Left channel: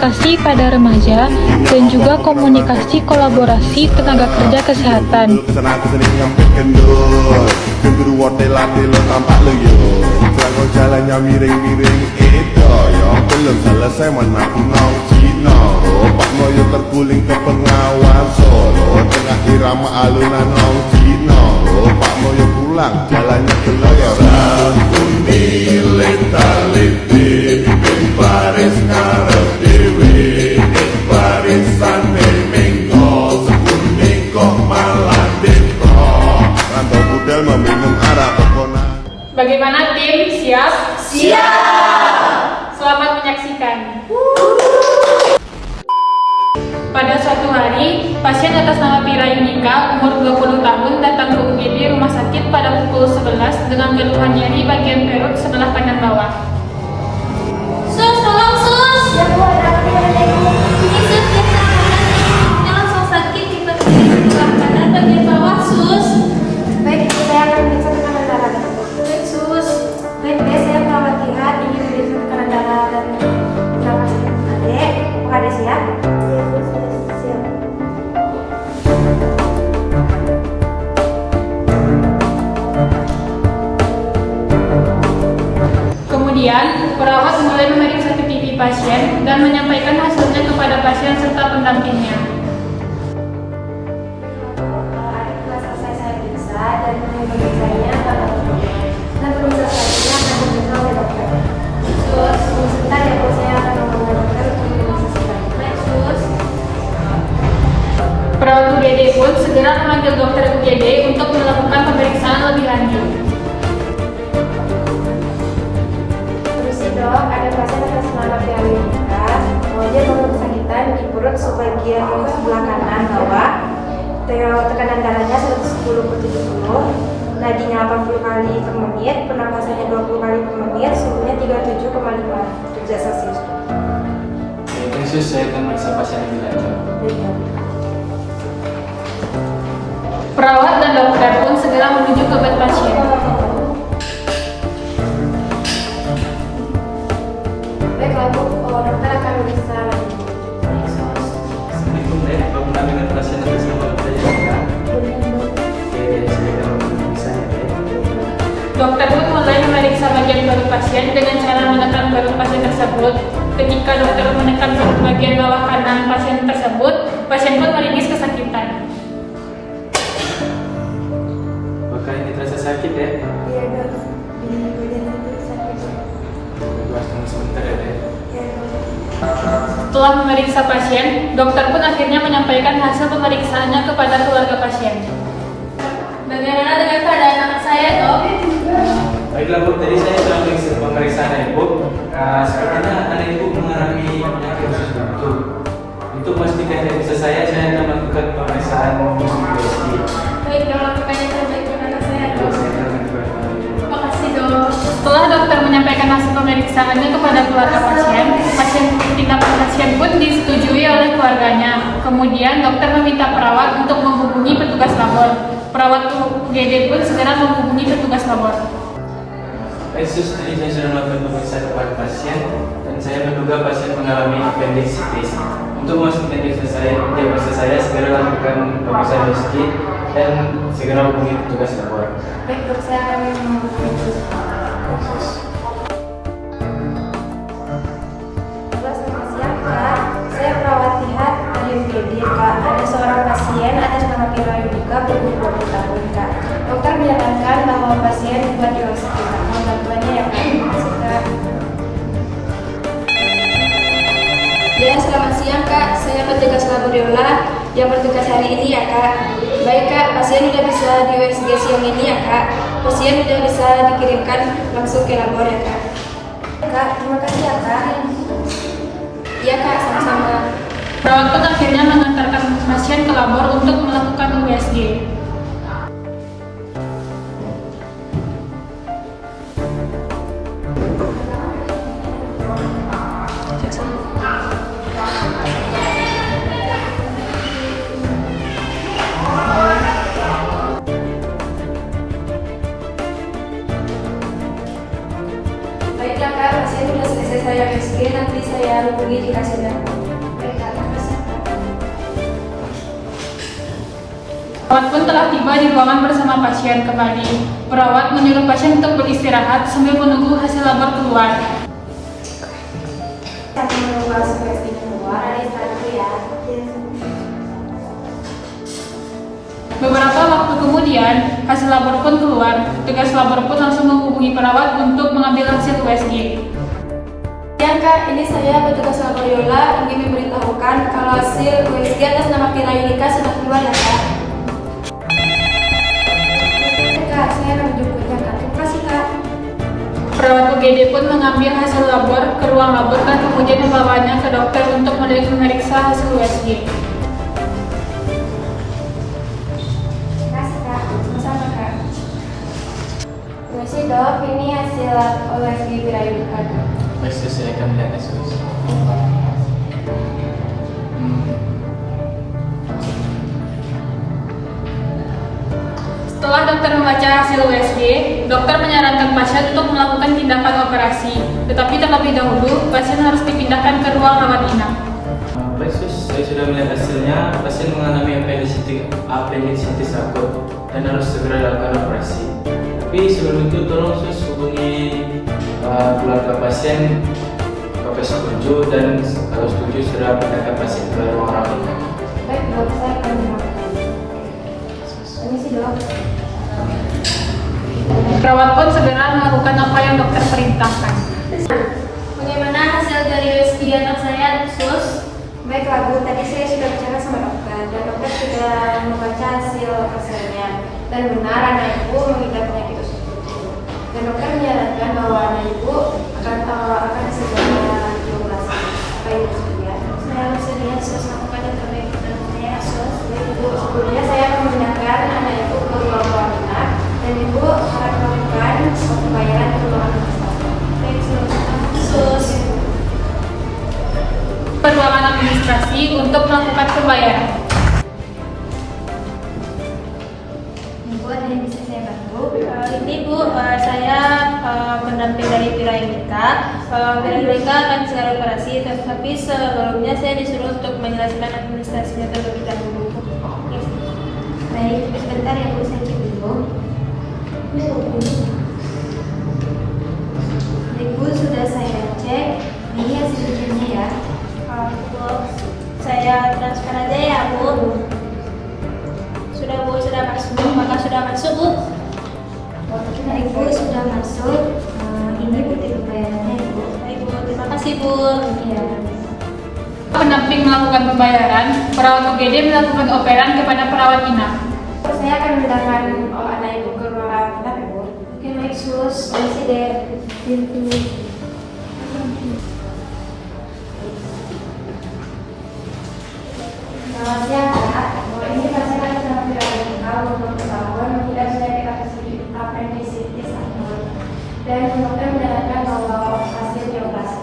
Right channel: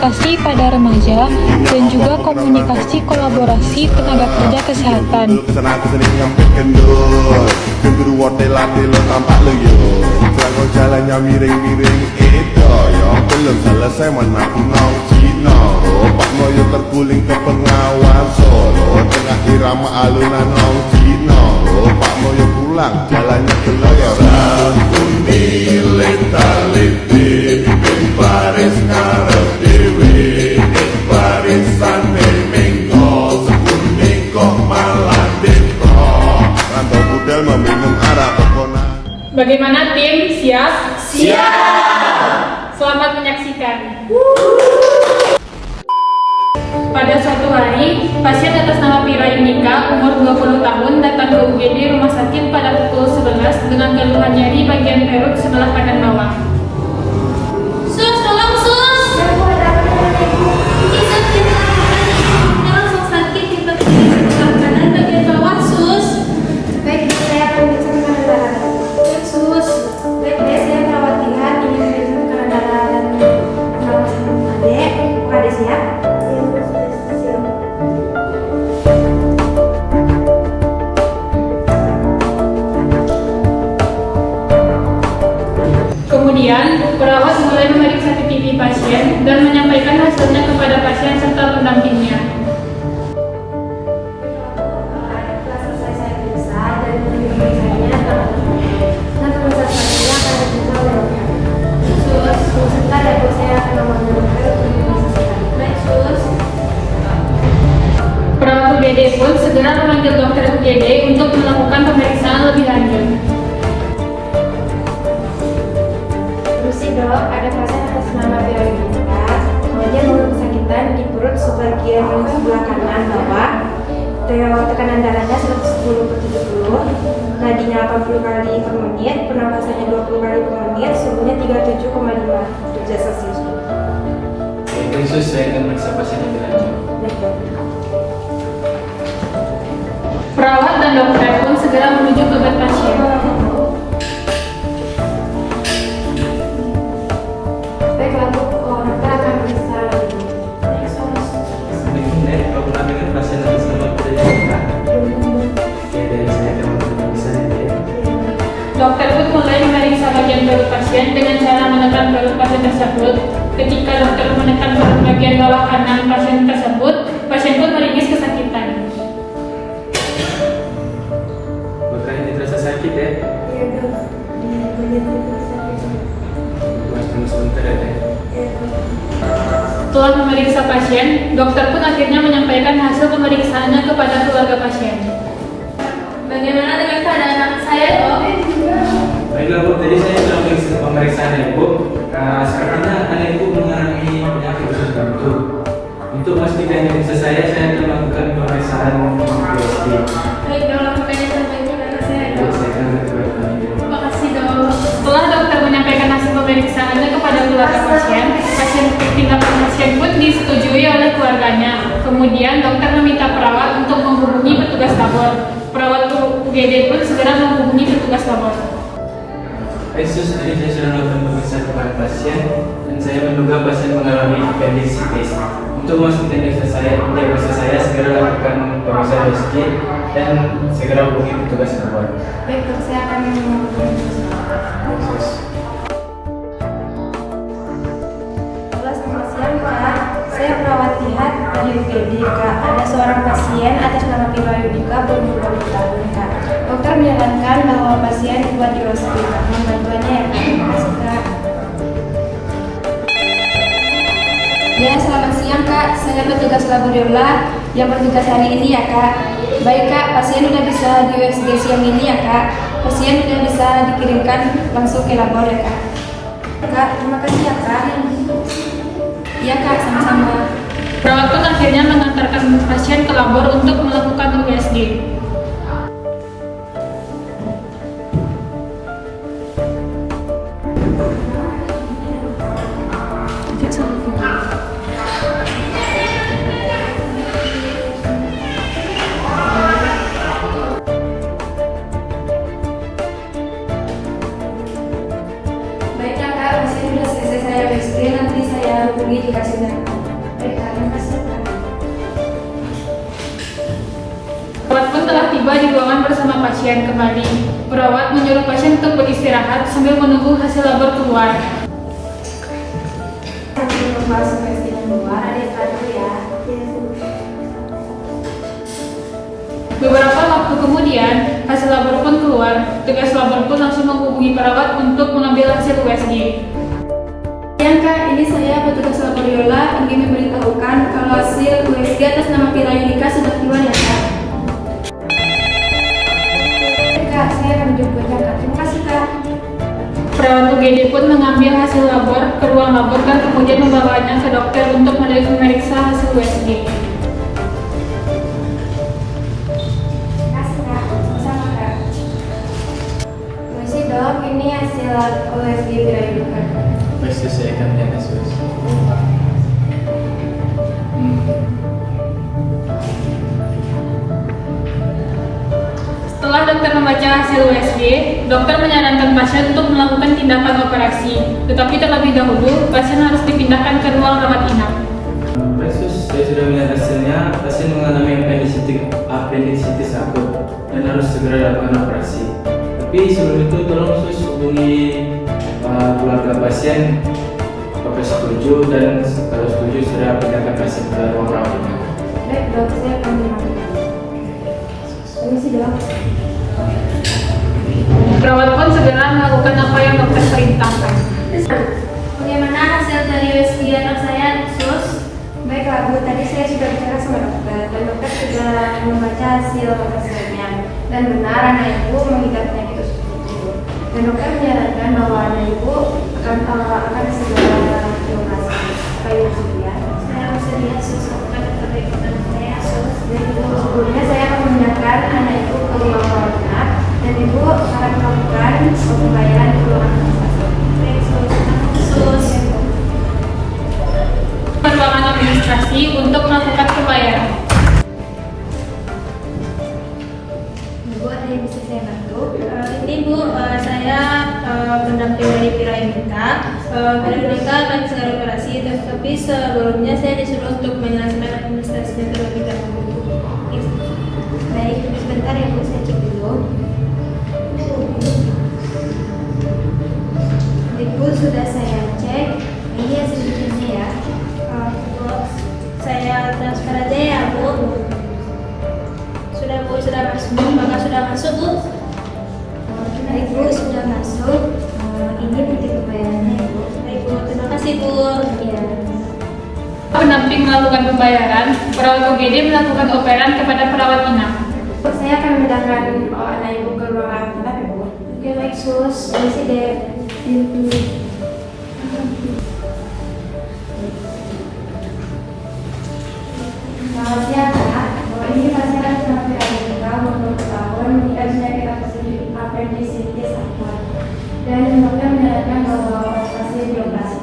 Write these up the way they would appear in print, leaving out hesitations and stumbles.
komunikasi pada remaja, dan juga komunikasi kolaborasi tenaga kerja kesehatan. Jalannya miring-miring itu ya belum selesai mana nong Cino Pak Moyo terguling ke pengawas Solo tengah irama alunan nong Cino Pak Moyo pulang jalannya keloyoran kuning leta-leti baris ngarep dewe barisan minggo sekuning kok malah deko rantau budal meminum arak pokona. Bagaimana tim? Siap? Siap! Selamat menyaksikan. Pada suatu hari, pasien atas nama Pira Yudika, umur 20 tahun, datang ke UGD rumah sakit pada pukul 11 dengan keluhan nyeri bagian perut sebelah kanan bawah. Sus, tolong sus! Ini sakit. Langsung sakit di bagian kanan bagian bawah, sus. Baik, saya akan periksa tekanan darah. Baik, sus. Baik, saya perawat lihat ingin memeriksa tekanan darah dan perawatan adek. Adek siap? Kemudian, perawat mulai memeriksa CCTV pasien dan menyampaikan hasilnya kepada pasien serta pendampingnya. Setelah selesai saya periksa dan pemeriksanya dan pemeriksaan akan diperiksa oleh dokter. Sus, sebentar ya Bu, saya akan memanggil dokter untuk diperiksa. Baik, sus. Perawat UGD pun segera memanggil dokter UGD untuk melakukan pemeriksaan lebih lanjut. Dok, ada pasien atas nama Pira Yudika. Dia mengalami kesakitan di perut sebagian sebelah kanan bawah. Tekanan darahnya 110/70, nadinya 80 kali per menit, pernapasannya 20 kali per menit, suhunya 37,5 derajat Celcius. Baik, sus, saya akan meriksa pasien lebih lanjut. Baik, dok. Perawat dan dokter pun segera menuju ke bed pasien. Baik, lalu dokter akan meriksa lagi. Assalamualaikum, Dek. Apa pernah dengan pasien atas nama Pira Yudika? Oke, saya akan memeriksanya, Dek. Dokter pun mulai memeriksa bagian perut pasien dengan cara menekan perut pasien tersebut. Ketika dokter menekan perut bagian bawah kanan pasien tersebut, pasien pun meringis kesakitan. Apakah ini terasa sakit, Dek? Iya, dok. Di bagian perut sakit. Tunggu sebentar ya, Dek. Iya, dok. Setelah memeriksa pasien, dokter pun akhirnya menyampaikan hasil pemeriksaannya kepada keluarga pasien. Bagaimana dengan keadaan anak saya, dok? Baiklah, Bu. Tadi saya sudah mengisi pemeriksaan Ibu. Sepertinya anak Ibu mengalami penyakit usus buntu. Untuk memastikan diagnosa saya akan melakukan pemeriksaan USG. Baik, dok, lakukannya terbaik untuk anak saya, dok. Saya akan melakukan Terima kasih, dok. Setelah dokter menyampaikan hasil pemeriksaannya kepada keluarga tindak pasien pun disetujui oleh keluarganya. Kemudian dokter meminta perawat untuk menghubungi petugas labor. Perawat UGD pun segera menghubungi petugas labor. Baik, sus, tadi saya sudah melakukan pemeriksaan kepada pasien dan saya menduga pasien mengalami appendicitis. Untuk memastikan diagnosa saya segera lakukan pemeriksaan USG dan segera hubungi petugas labor. Baik, dok, saya akan menghubungi petugas labor. Baik, sus. Selamat siang, Kak. Saya perawat lihat di UGD, Kak. Ada seorang pasien atas nama Pira Yudika berumur 20 tahun, Kak. Dokter menyarankan bahwa pasien dibuat di USG, Kak. Mohon bantuannya ya, Kak. Terima kasih, Kak. Ya, selamat siang, Kak. Saya petugas laboratorium yang bertugas hari ini ya, Kak. Baik, Kak. Pasien sudah bisa di USG siang ini ya, Kak. Pasien sudah bisa dikirimkan langsung ke labor ya, Kak. Kak, terima kasih ya, Kak. Iya, Kak, sama-sama. Perawat pun akhirnya mengantarkan pasien ke labor untuk melakukan USG. Baiklah, Kak, pasien sudah selesai saya USG, nanti saya hubungi dikasih tiba di ruangan bersama pasien kembali. Perawat menyuruh pasien untuk beristirahat sambil menunggu hasil labor keluar. Sambil menunggu hasil tesnya keluar, ada satu ya. Beberapa waktu kemudian, hasil labor pun keluar. Tugas labor pun langsung menghubungi perawat untuk mengambil hasil USG. Kak, ini saya petugas laboriola ingin memberitahukan kalau hasil USG atas nama Pira Yulika sudah keluar ya Kak. Kak, saya akan menjemputnya Kak. Terima kasih Kak. Perawat UGD pun mengambil hasil labor ke ruang labor dan kemudian membawanya ke dokter untuk memeriksa hasil USG. Terima kasih Kak. Sama-sama Kak. Terima kasih dok, ini hasil USG Pira Yulika. Baik, saya akan melihat kasus. Setelah dokter membaca hasil USG, dokter menyarankan pasien untuk melakukan tindakan operasi. Tetapi terlebih dahulu, pasien harus dipindahkan ke ruang rawat inap. Baik, saya sudah melihat hasilnya. Pasien mengalami appendicitis akut dan harus segera dilakukan operasi. Tapi sebelum itu tolong sus hubungi keluarga pasien apakah setuju, dan kalau setuju sudah pindahkan pasien ke ruang rawat inap. Baik dok, saya akan melakukan. Permisi dok. Perawat pun segera melakukan apa yang dokter perintahkan. Bagaimana hasil dari USG di anak saya, sus? Baiklah Bu, tadi saya sudah bicara sama dokter dan dokter sudah membaca hasilnya. Dan benar anak ibu mengidap penyakit usus buntu. Dan dokter menyarankan bahwa anak ibu akan segera dioperasi. Apa yang bersedia? Saya bersedia sus, lakukan yang terbaik dengan saya sus. Jadi ibu sebelumnya saya akan memindahkan anak ibu ke ruang rawat inap dan ibu akan melakukan pembayaran ke ruangan administrasi. Sus. Ke ruangan administrasi untuk melakukan pembayaran. Ibu, ada yang bisa saya bantu? Ini Bu, saya pendamping dari Pira Yulika. Pira Yulika akan segera operasi, tapi sebelumnya saya disuruh untuk menyelesaikan administrasinya terlebih dahulu. Baik, sebentar ya Bu, saya cek dulu. Ibu, sudah saya cek. Ini hasil ujiannya ya. Saya transfer aja ya Bu. Sudah Bu, sudah masuk. Maka sudah masuk Bu. Baik Bu, sudah masuk. Ini bukti pembayarannya Ibu. Baik Bu, terima kasih Bu. Ya. Pendamping melakukan pembayaran, perawat UGD melakukan operan kepada perawat inap. Saya akan memindahkan anak ibu ke ruang inap Ibu. Oke baik sus, permisi deh. Selamat siang Kak. Ini pasien ada sama Pira Yulika umur 20 tahun mengidap penyakit appendicitis akut dan dokter menyarankan bahwa pasien dioperasi.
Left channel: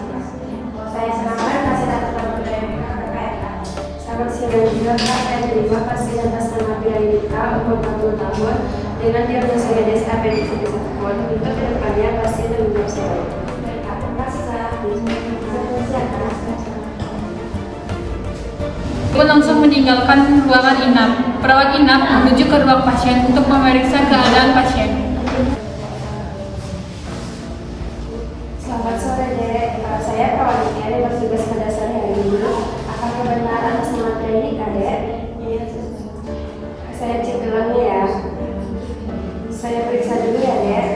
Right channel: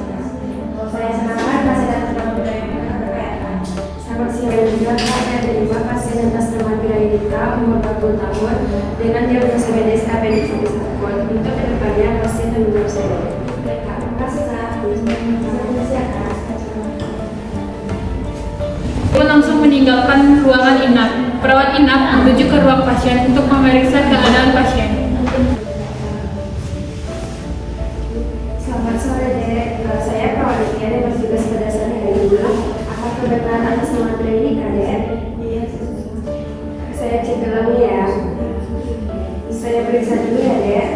Saya semangat masih datang dalam Pira Yulika berkaitan. Selamat siang dan juga saya terima pasien atas nama Pira Yulika umur 20 tahun dengan diagnosa medis appendicitis akut. Untuk kedepannya pasien menjawab saya. Baik Kak, terima kasih Kak. Terima kasih Kak. Pun langsung meninggalkan ruangan inap. Perawat inap menuju ke ruang pasien untuk memeriksa keadaan pasien. Selamat sore Dek, saya perawat yang bertugas pada sore hari ini. Akan kebenaran atas nama Pira Yulika Dek. Iya, saya cek dulu ya. Saya periksa dulu ya Dek.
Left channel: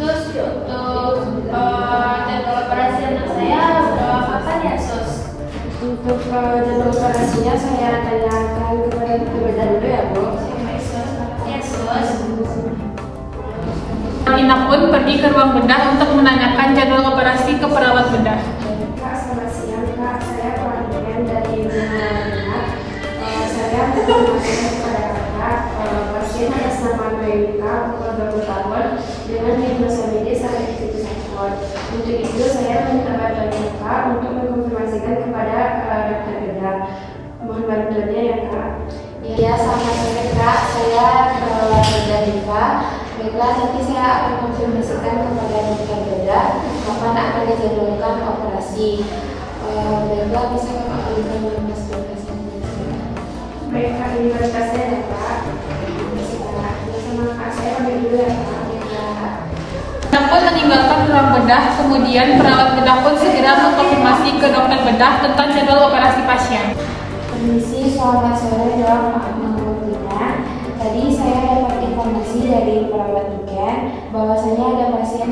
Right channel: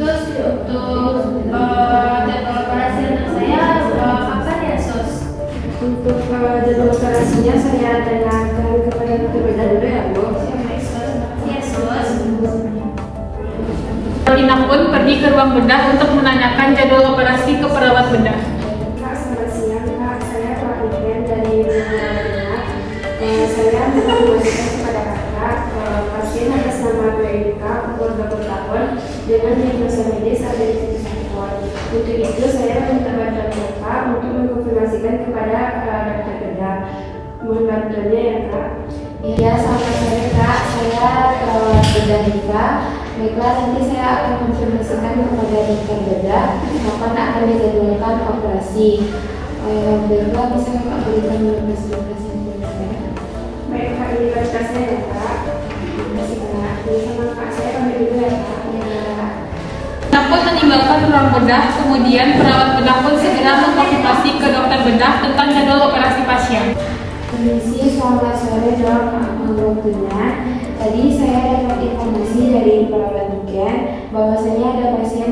Sus, untuk jadwal operasi anak saya kapan ya Sus? Untuk jadwal operasinya saya tanyakan kepada dokter bedah dulu ya Bu. Yes, Sus. Perawat inap pun pergi ke ruang bedah untuk menanyakan jadwal operasi ke perawat bedah. Kak, selamat siang Kak. Saya perawat dari Benar. Saya menyampaikan kepada Kakak pasien atas nama Pira Yulika umur 20 tahun dengan diagnosa medis appendicitis akut. Untuk itu saya meminta bantuan Kakak untuk mengkonfirmasikan kepada dokter bedah. Mohon bantuannya ya Kak. Iya, selamat sore Kak. Saya bedah Diva. Baiklah, nanti saya akan konfirmasikan kepada dokter bedah kapan akan dijadwalkan operasi. Baiklah, bisa Kakak berikan lokasi yang saya. Baik Kak, ini berita meninggalkan ruang bedah, kemudian perawat bedah pun segera mengkonfirmasi ke dokter bedah tentang jadwal operasi pasien. Permisi, selamat sore Dok, maaf mengganggunya. Tadi saya dapat informasi dari perawat niken bahwasanya ada pasien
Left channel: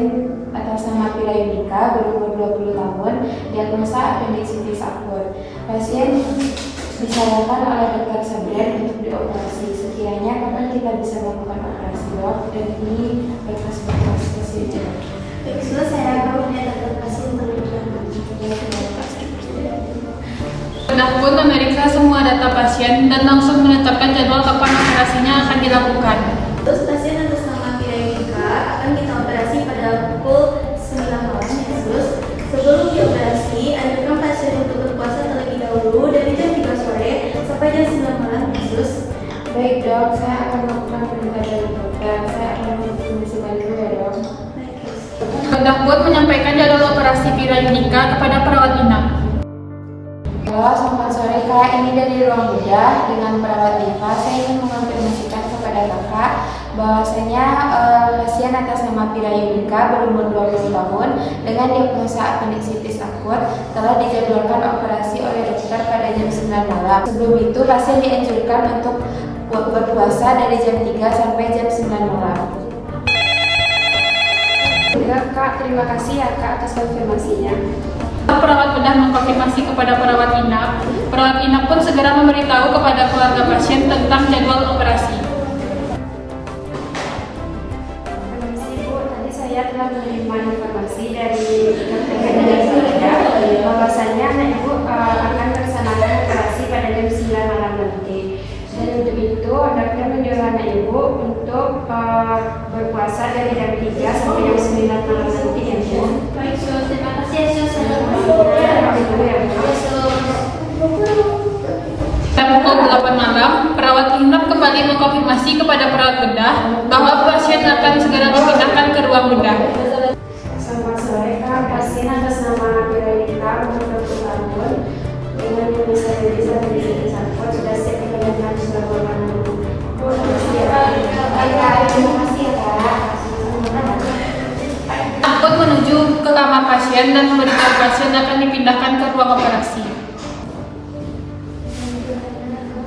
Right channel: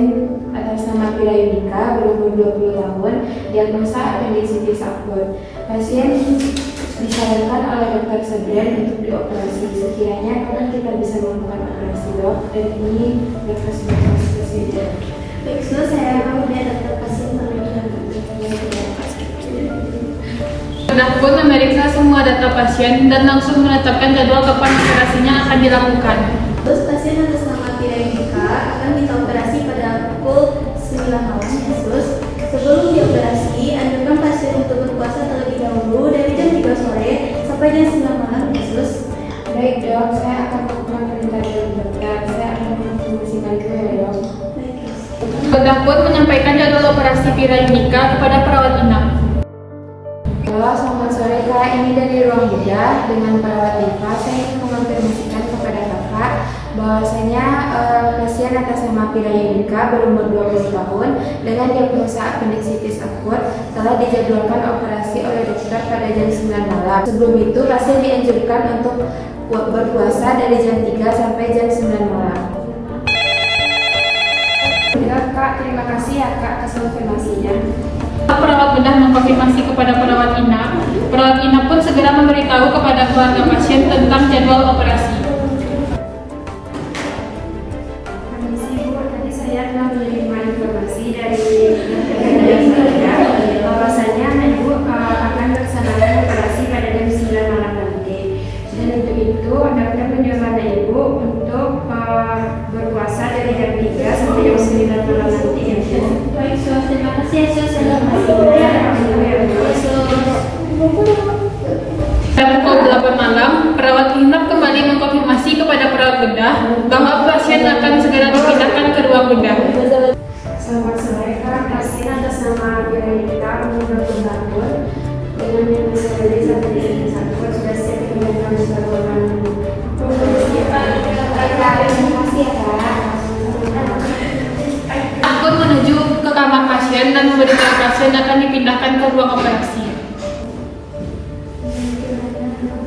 atas nama Pira Yunika berumur 20 tahun, diagnosa apendisitis akut. Pasien disarankan oleh dokter Sabran untuk dioperasi. Sekiranya kapan kita bisa melakukan operasi Dok? Dan ini berkas-berkas pasiennya. Baik, so saya akan menyatakan pasien terlebih dahulu. Bedah pun memeriksa semua data pasien dan langsung menetapkan jadwal kapan operasinya akan dilakukan. Terus pasien atas nama Pira Yunika akan kita operasi pada pukul 9 malam Yesus. Sebelum dioperasi, anjurkan pasien untuk berpuasa terlebih dahulu dari jam 3 sore sampai jam 9 malam Yesus. Baik Dok, saya akan melakukan perintah dari dokter. Saya akan mengkondisikan itu ya Dok. Baik, terus. Bedah pun menyampaikan jadwal operasi Pira Yunika kepada perawat inap. Halo, selamat sore Kak. Ini dari ruang bedah dengan perawat Diva. Saya ingin mengonfirmasikan kepada Kakak bahwasanya pasien atas nama Pira Yunika berumur 20 tahun dengan diagnosa apendisitis akut telah dijadwalkan operasi oleh dokter pada jam 9 malam. Sebelum itu, pasien dianjurkan untuk berpuasa dari jam 3 sampai jam 9 malam. Enggak Kak, terima kasih ya Kak atas konfirmasinya. Perawat bedah mengkonfirmasi kepada perawat inap. Perawat inap pun segera memberitahu kepada keluarga pasien tentang jadwal operasi. Permisi Bu, tadi saya telah menerima informasi dari dokter saya bahwasanya anak Ibu akan melaksanakan operasi pada jam 9 malam nanti. Dan untuk itu, dokter menyuruh anak Ibu untuk berpuasa dari jam 3 sampai jam 9 malam nanti ya Bu. Baik, so terima kasih ya, so saya Pada pukul 8 malam, perawat inap kembali mengkonfirmasi kepada perawat bedah bahwa pasien akan segera dipindahkan ke ruang bedah. Selamat sore, Kak. Pasien atas nama Pira Yunika umur 20 tahun dengan diagnosa diabetes dan diabetes akut sudah siap dipindahkan di ruangan. Terima kasih ya Kak. Pun menuju ke kamar pasien dan memberitahu pasien akan dipindahkan ke ruang operasi.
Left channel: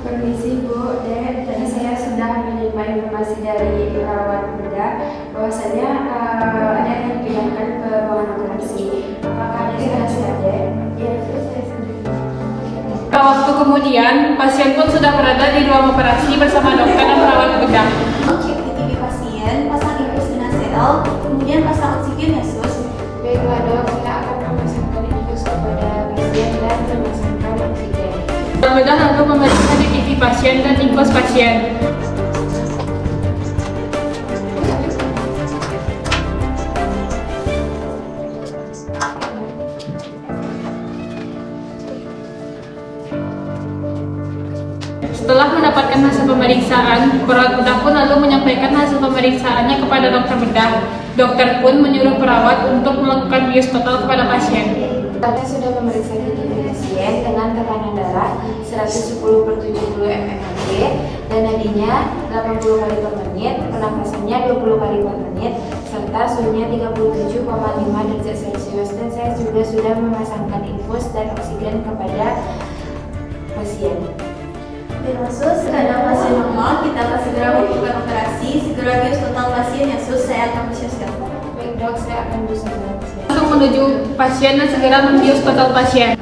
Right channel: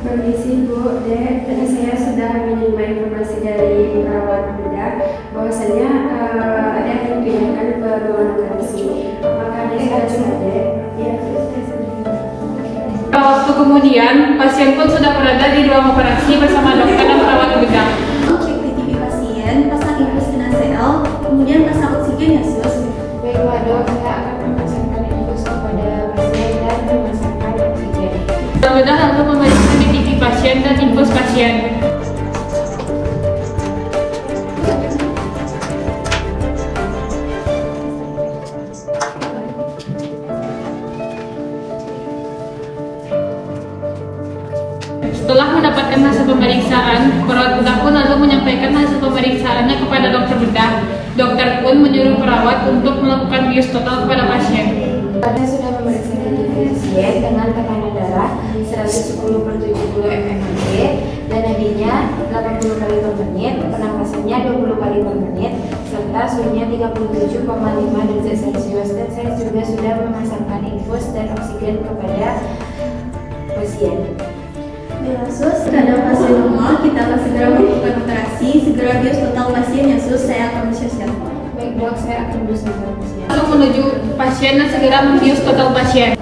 Permisi Bu, Dek. Tadi saya sudah menerima informasi dari perawat bedah bahwasanya ada yang dipindahkan ke ruangan operasi. Apakah ada sudah siap, Dek? Ya, sudah. Waktu kemudian, pasien pun sudah berada di ruang operasi bersama dokter dan perawat bedah. cek di TV pasien, pasang infus NaCl, kemudian pasang oksigen ya sus. Baik Dok, kita akan memasangkan infus kepada pasien dan memasangkan oksigen. Perawat bedah lalu memeriksa di TV pasien dan infus pasien. Setelah mendapatkan hasil pemeriksaan, perawat bedah pun lalu menyampaikan hasil pemeriksaannya kepada dokter bedah. Dokter pun menyuruh perawat untuk melakukan bius total kepada pasien. Kita sudah memeriksa kondisi pasien dengan tekanan darah 110/70 mmHg dan nadinya 80 kali per menit, pernapasannya 20 kali per menit, serta suhunya 37,5 derajat Celcius. Dan saya juga sudah memasangkan infus dan oksigen kepada pasien. Ya sus, keadaan pasien normal, kita akan segera melakukan operasi, segera bius total pasien ya sus, saya akan bersiap-siap. Baik Dok, saya akan bersama pasien. Langsung menuju pasien dan segera membius total pasien.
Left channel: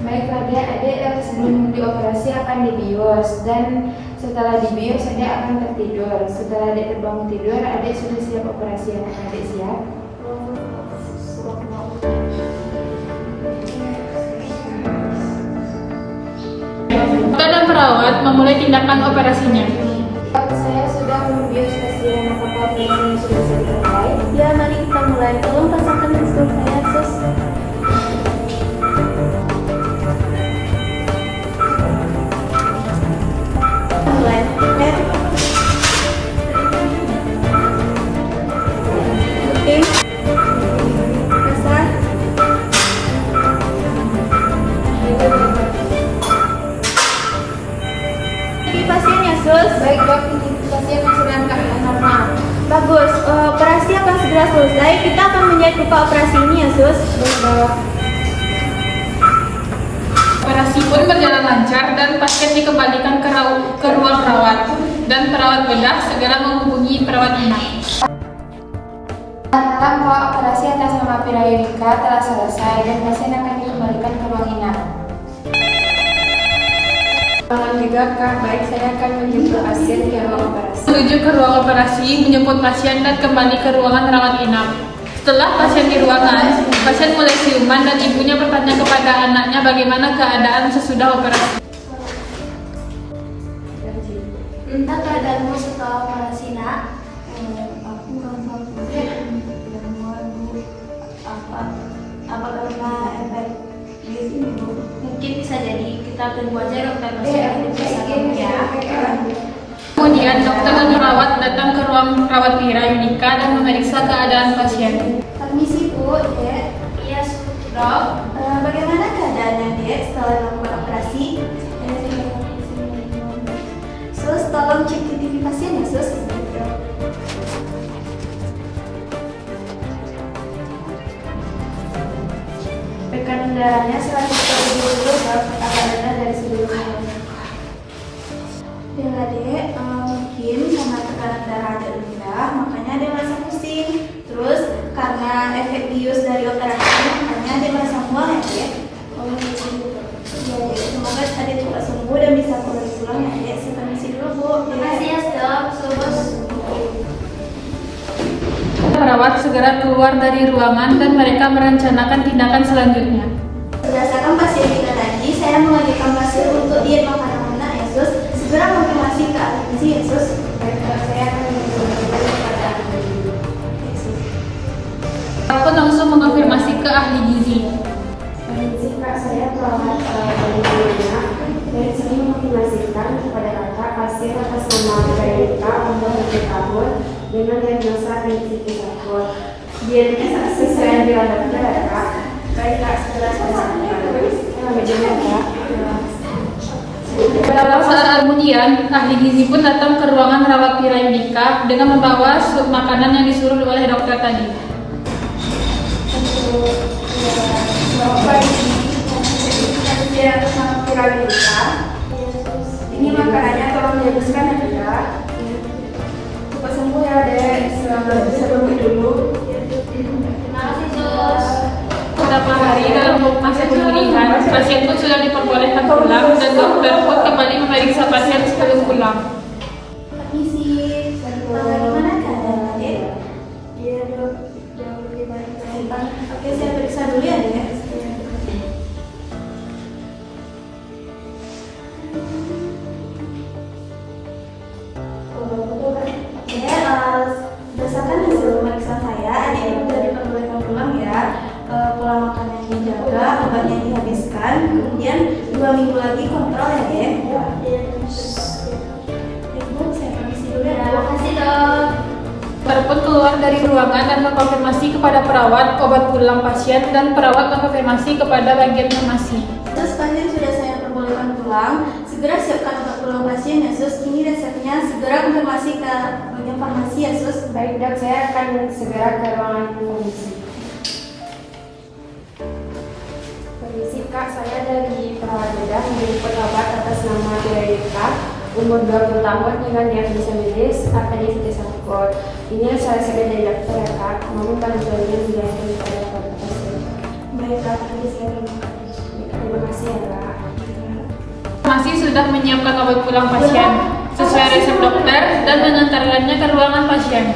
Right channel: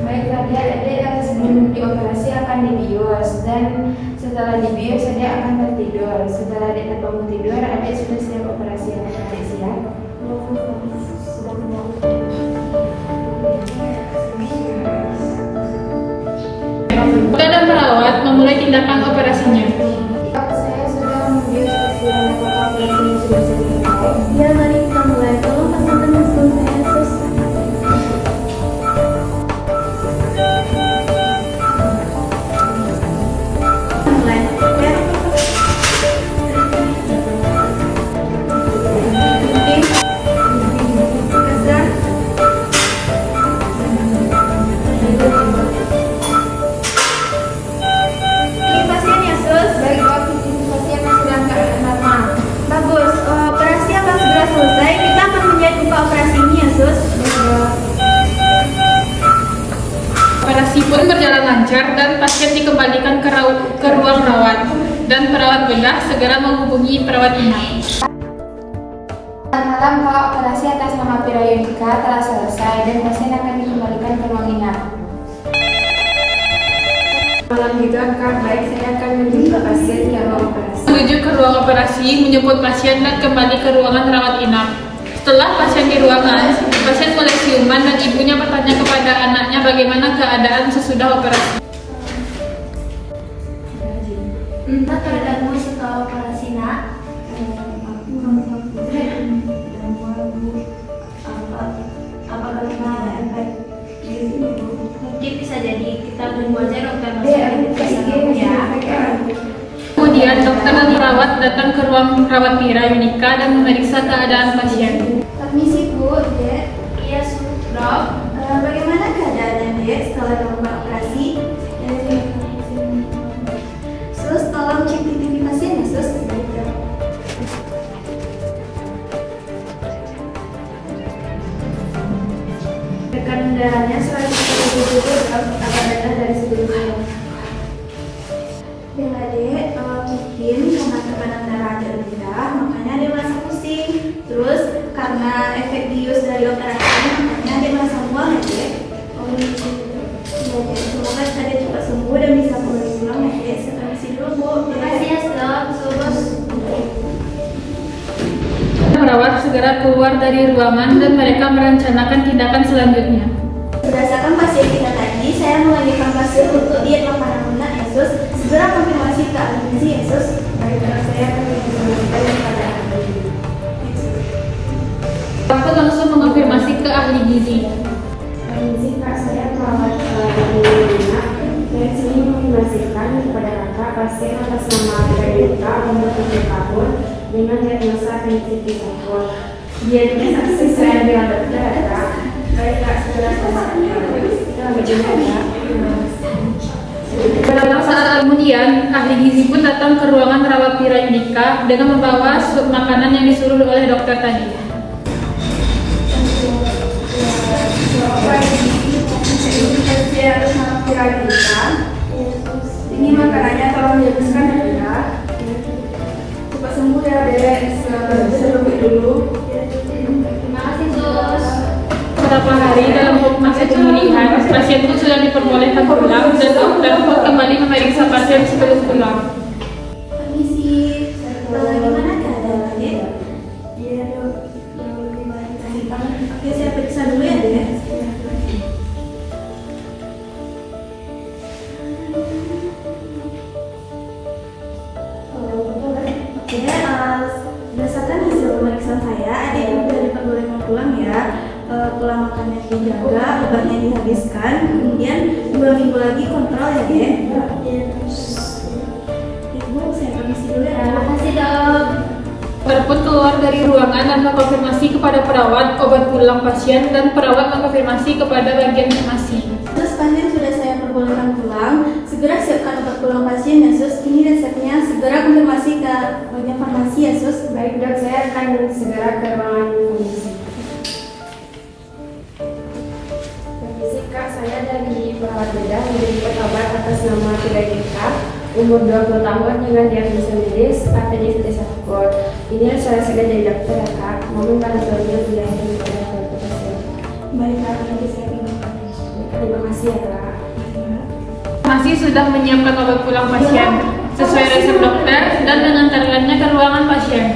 Baiklah adik-adik, sebelum dioperasi akan dibius dan setelah dibius adik akan tertidur. Setelah adik terbangun tidur, adik sudah siap operasi ya adik siap? Dokter dan perawat memulai tindakan operasinya. Saya sudah membius pasien, apakah pasien sudah selesai? Ya, mari kita mulai. Tolong pasangkan infus saya sus. Mulai. Baik Dok, ini pasien yang sudah keadaan normal lancar dan pasien dikembalikan ke ruang rawat, dan perawat bedah segera menghubungi perawat inap. Malam, Kak, operasi atas nama Pira Yunika telah selesai dan pasien akan dikembalikan ke ruang inap. Malam juga, Kak. Baik, saya akan menjemput pasien ke ruang operasi. Menuju ke ruang operasi, menjemput pasien dan kembali ke ruangan rawat inap. Setelah pasien di ruangan, pasien mulai siuman dan ibunya bertanya kepada anaknya bagaimana keadaan sesudah operasi. Entah keadaanmu setelah operasi, Nak. Apa karena efek mungkin bisa jadi kita tunggu aja dokter masuk ke ya. Kemudian dokter dan perawat datang ke ruang rawat Pira Yunika dan memeriksa keadaan pasien. Permisi Bu, Dek. Iya, Dok. Bagaimana keadaannya, Dek, setelah melakukan operasi? Sus, tolong cek TV pasien ya, Sus. Tekanan darahnya 170 dok, agak rendah dari sebelumnya. Ya Dek, mungkin karena tekanan darah agak rendah, makanya dia merasa pusing. Terus karena efek bius dari operasi, makanya dia merasa mual ya Dek. Oh gitu. Ya Dek, semoga tadi cepat sembuh dan bisa kembali pulang ya Dek. Saya permisi dulu Bu. Terima kasih ya dok, Bos. Perawat segera keluar dari ruangan dan mereka merencanakan tindakan selanjutnya. Berdasarkan pasien kita tadi, saya mengajukan pasien untuk diet makanan lunak ya Sus. Segera konfirmasi ke ahli gizi ya Sus. Baik, saya akan mengajukan kepada ahli gizi. Perawat langsung mengonfirmasi ke ahli gizi. Ahli gizi, Kak, saya perawat Yunika. Dari sini menginformasikan kepada Kakak pasien atas nama Pira Yunika, umur 7 tahun, dengan diagnosa apendisitis akut. Dia sesuai yang dirawat dokter ya Kak. Baik Kak, segera selesai. Beberapa saat kemudian, ahli gizi pun datang ke ruangan rawat Pira Yunika dengan membawa sup makanan yang disuruh oleh dokter tadi. Ini makanannya tolong dihabiskan ya Dek. Cepat sembuh ya Dek, sebelum dulu. Terima kasih Sus. Beberapa hari dalam masa pemulihan, pasien pun sudah diperbolehkan pulang dan dokter pun kembali memeriksa pasien sebelum pulang. Permisi. Gimana keadaan Dek? Iya Dok, jauh lebih baik. Oke, saya periksa dulu ya Dek. Oke, berdasarkan hasil pemeriksaan saya, adik sudah diperbolehkan pulang ya. Pola makannya dijaga, obatnya dihabiskan, kemudian 2 minggu lagi kontrol ya Dek. Bu, saya permisi dulu ya. Terima kasih dok. Dokter pun keluar dari ruangan dan mengkonfirmasi kepada perawat obat pulang pasien dan perawat mengkonfirmasi kepada bagian farmasi. Terus pasien sudah saya perbolehkan pulang, segera siapkan obat pulang pasien ya Sus. Ini resepnya, segera konfirmasi ke bagian farmasi ya Sus. Baik Dok, saya akan segera ke ruangan komisi. Permisi Kak, saya dari perawat bedah menjemput obat atas nama Pira Yunika, umur 20 tahun dengan diagnosa medis apendisitis akut. Ini resepnya dari dokter ya Kak, mohon bantuannya dilayani kepada pasien. Baik Kak, nanti saya Terima kasih ya Kak. Farmasi sudah menyiapkan obat pulang pasien sesuai resep dokter dan mengantarkannya ke ruangan pasien.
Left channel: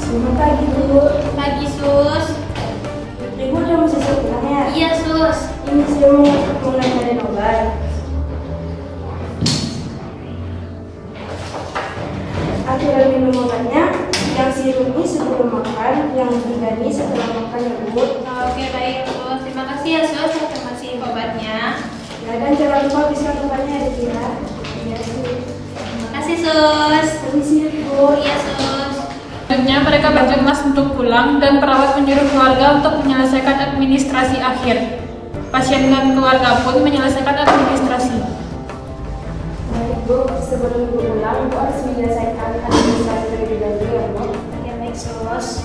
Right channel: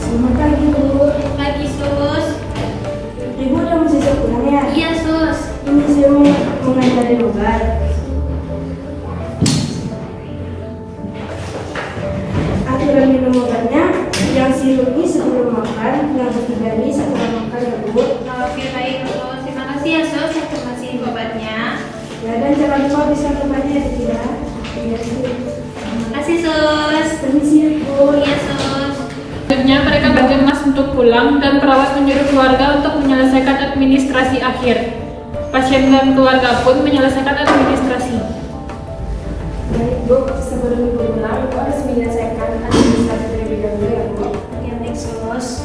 Selamat pagi Bu. Pagi Sus. Ibu udah mau siap pulang ya? Iya Sus. Ini saya mau mengantarin obat. Aturan minum obatnya, yang sirupnya sebelum makan, yang tidaknya setelah makan ya Bu. Oke baik Sus. Terima kasih ya Sus. Saya terima obatnya. Ya, dan jangan lupa bisa obatnya ya. Iya, Terima kasih Sus. permisi Bu. Iya Sus. Selanjutnya mereka bergemas untuk pulang dan perawat menyuruh keluarga untuk menyelesaikan administrasi akhir. Pasien dan keluarga pun menyelesaikan administrasi. Baik Bu, sebelum Ibu pulang, Ibu harus menyelesaikan administrasi terlebih dahulu ya Bu. Oke, baik Sus.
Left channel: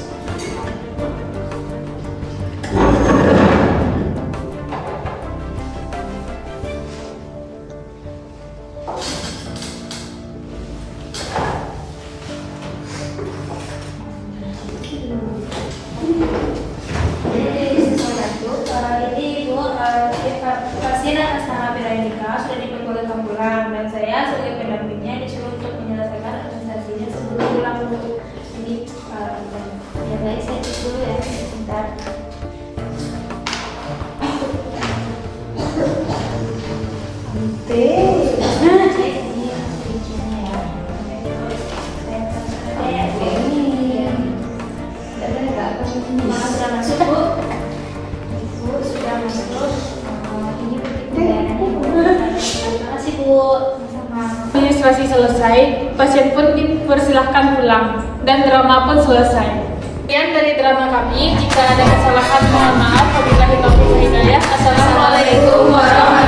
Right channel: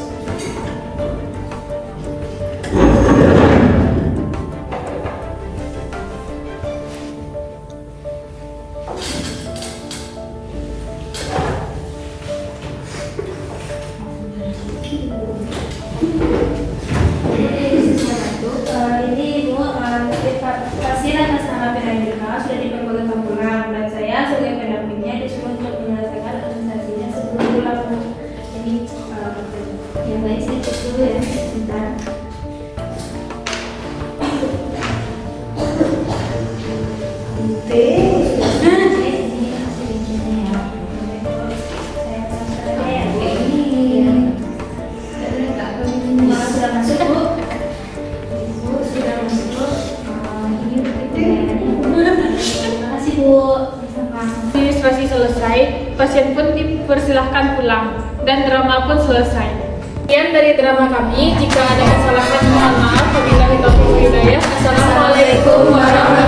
Sudah masuk, Bu. Bu sudah masuk. Ini pertanyaannya. Terima kasih, Bu. Administrasi selesai, pasien pun dipersilahkan pulang, dan drama pun selesai. Sekian dari drama kami. Jika ada kesalahan, mohon maaf. Wabillahi taufiq wal hidayah. Assalamualaikum warahmatullahi wabarakatuh.